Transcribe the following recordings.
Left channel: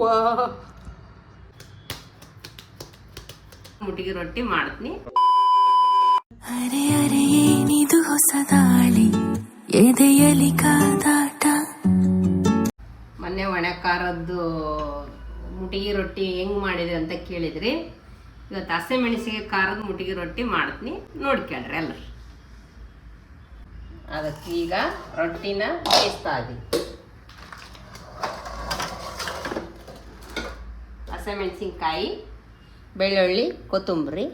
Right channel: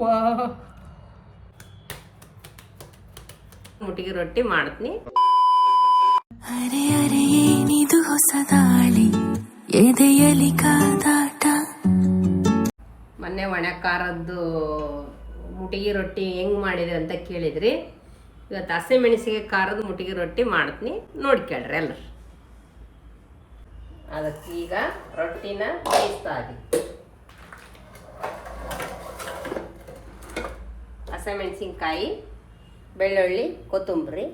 ವಾ ಮುಟ್ಟಿಗೆ ರೊಟ್ಟಿ ಮಾಡ್ತೀನಿ. ಅರೆ ಅರೆ ಏನಿದು ಹೊಸ ದಾಳಿ ಎದೆಯಲಿ ಕಾದಾಟ. ಮೊನ್ನೆ ಒಣ ಖಾರದ್ದು ಮುಟ್ಟಿಗೆ ರೊಟ್ಟಿ ಹೆಂಗೆ ಮಾಡಿದ್ರಿ ಅಂತ ಕೇಳಿದ್ರಿ. ಇವತ್ತು ಹಸಿಮೆಣಸಿಗೆ ಖಾರದ ಮುಟ್ಟಿಗೆ ರೊಟ್ಟಿ ಮಾಡ್ತೀನಿ, ನೋಡ್ಕೇಳ್ರಿ ಎಲ್ಲರು. ಅದಕ್ಕೆ ಈಗ ರೊಟ್ಟಿನ ಬೇಯಿಸ್ತಾ ಇದ್ದೀವಿ. ಹಸಿಮೆಣಸಿನ್ಕಾಯಿ, ಬೆಳ್ಳುಳ್ಳಿ, ಕೊತ್ತಂಬರಿ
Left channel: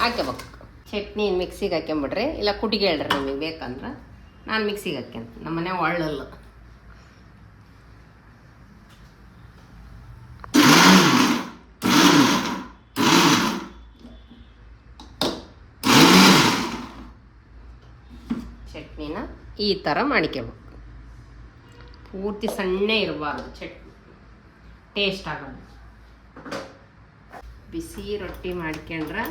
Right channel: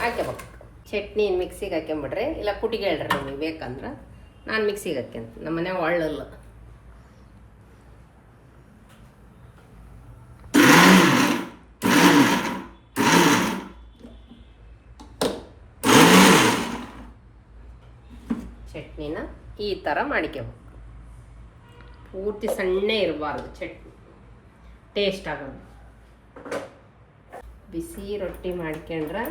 ಹಾಕ್ಕೋಬೇಕು. ಚಟ್ನಿ ಮಿಕ್ಸಿಗೆ ಹಾಕ್ಕೊಂಬಿಡ್ರಿ, ಇಲ್ಲ ಕುಟ್ಟಿಗೆ ಹೇಳ್ರಿ ನಿಮಗೆ ಬೇಕಂದ್ರೆ. ನಾನು ಮಿಕ್ಸಿಗೆ ಹಾಕ್ಯಂತೀನಿ, ನಮ್ಮ ಮನೆ ಒಳ್ಳಲ್ಲ. ಚಟ್ನಿನ ಈ ಥರ ಮಾಡ್ಕೋಬೇಕು. ಪೂರ್ತಿ ಸಣ್ಣ ಇರಬಾರ್ದು ಚಟ್ನಿ, ಟೇಸ್ಟ್ ಆಗೋದು. ಬಿಸಿ ರೊಟ್ಟಿ ಮಾಡ್ಕೊಂಡ್ರೆ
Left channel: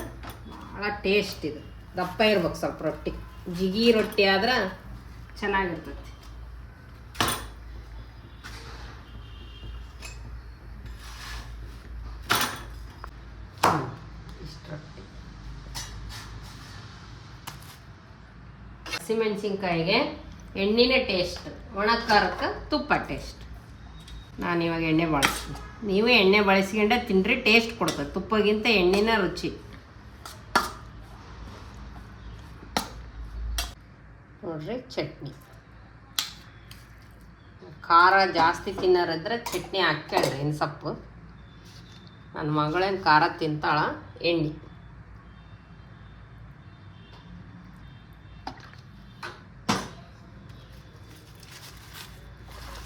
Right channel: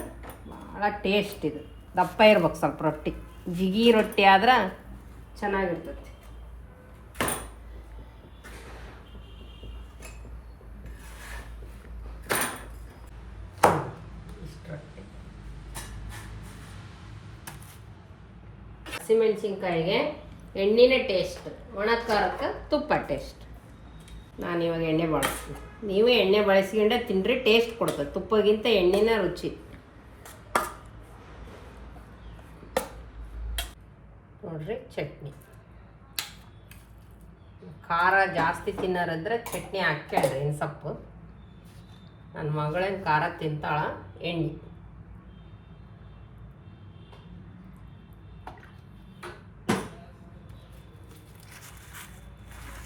ಭಾಳ ಟೇಸ್ಟ್. ಇದು ದಪ್ಪ ಇರ್ಬೇಕು ಸ್ವಲ್ಪ ರೊಟ್ಟಿ. ಜಿಗಿ ರೊಟ್ಟಿ ಆದ್ರೆ ಚೆನ್ನಾಗಿರ್ತೈತಿ. ಇಷ್ಟು ರೊಟ್ಟಿ. ಹಸಿಮೆಣಸಿನ್ಕಾಯಿಗೆ ಎಣ್ಣೆನೇ ಟೇಸ್ಟ್, ಒಣ ಖಾರಕ್ಕೆ ತುಪ್ಪ ಟೇಸ್ಟ್. ನಾನಿವಾಗ ಎಣ್ಣೆ ಬಳಸ್ತೀನಿ. ನೀವು ಎಣ್ಣೆ ಬಳಸ್ಕೊಂಡೆ ತಿನ್ನಿರಿ, ಟೇಸ್ಟ್ ಕೊಡ್ತದೆ. ತುಪ್ಪಗಿಂತ ಎಣ್ಣೆನ ರುಚಿ. ನೋಡ್ರಿ ಚಟ್ನಿ. ಖಾರ ಜಾಸ್ತಿ ತಿನ್ನೋರಿದ್ರೆ ಚಟ್ನಿ ಹಾಕ್ಯಾಳ್ರಿ. ಇನ್ನು ಸೊಪ್ಪು ನನ್ನ ಮಗಳೇನು ಖಾರ ತಿಂತಾಳ. ಎಣ್ಣೆ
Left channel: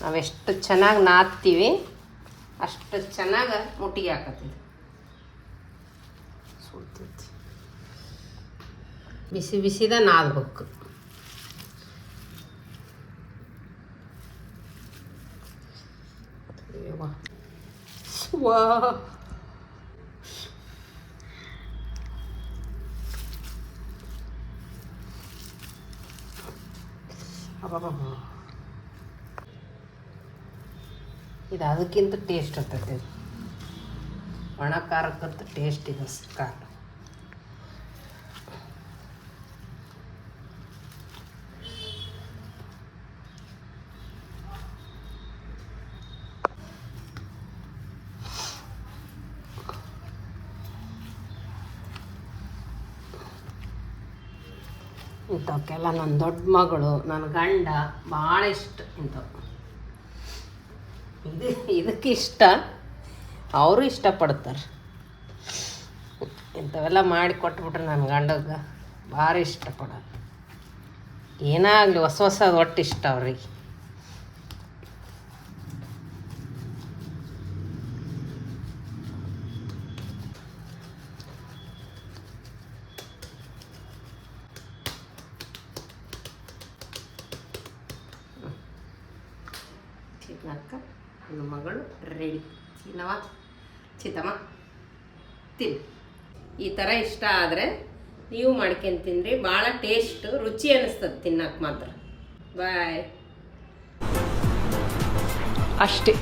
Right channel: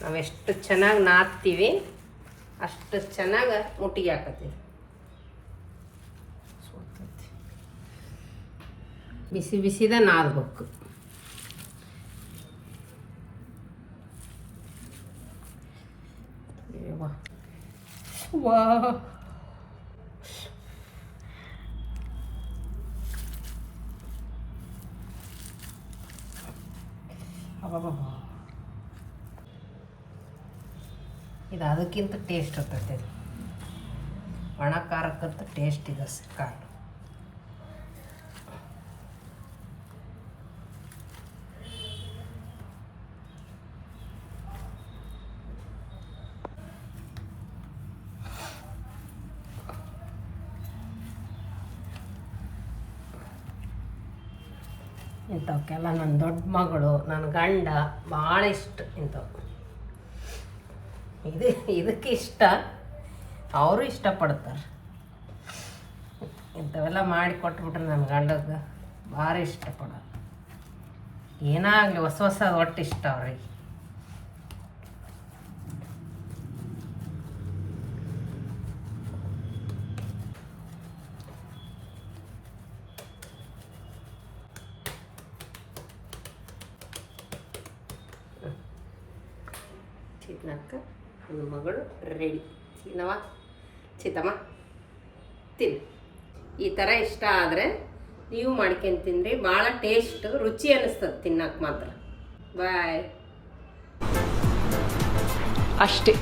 ನಾವೆಷ್ಟು ಚೆನ್ನಾಗಿ ನಾದ್ತೀವಿ ಅಷ್ಟು ಚೆನ್ನಾಗಿ ಮುಟ್ಟಿಗೆ ಹಾಕತ್ತೀವಿ. ಬಿಸಿ ಬಿಸಿದ ನಾದ್ಬೇಕು. ವಾ ಇದು ಅದಕ್ಕಿಂತ ಟೇಸ್ಟ್ ಇರ್ತೈತೆ. ಒಣ ಖಾರಕ್ಕಂತ ಟೇಸ್ಟ್ ಇದೆ ಖಾರ. ಇಂಥವಕ್ಕೆಲ್ಲ ನನ್ನ ದೊಡ್ಡ ಮಗಳು, ನನ್ನ ಗಂಡ ಭಾಳ ಇಷ್ಟ ಇಂಥವು. ಇದಕ್ಕೆ ಇಷ್ಟ, ಅವರು ಇಷ್ಟಪಡ್ತಾರೆ. ಇಂಥವೆಲ್ಲ ಮಾಡಿ ಕೊಟ್ಬಿಟ್ರೆ ನನ್ನ ಗಂಡಗೆ ಭಾರಿ ಇಷ್ಟಪಡೋದು. ಏನಾಗಲಿ ಹೊಸ ಹೊಸದು ಒಟ್ಟು ಇಷ್ಟ ಅವ್ರಿಗೆ. ಚಿತ್ನಾಕ ನನ್ನ ಮಗಳು ರೆಡಿ. ಚಿತ್ತಮ್ಮ ತಿನ್ನಿ. ಈ ಥರ ಇಷ್ಟ ಆದರೆ ನೀವು ಮಾಡ್ಕೊಂಡು ತಿನ್ನಿರಿ. ಭಾಳ ಟೇಸ್ಟ್ ರುಚಿ ಅನ್ನಿಸ್ತದೆ ತಿನ್ನಕ್ಕೆ ಮಾತ್ರ. ಬಾಯ್. ಅಷ್ಟೇ.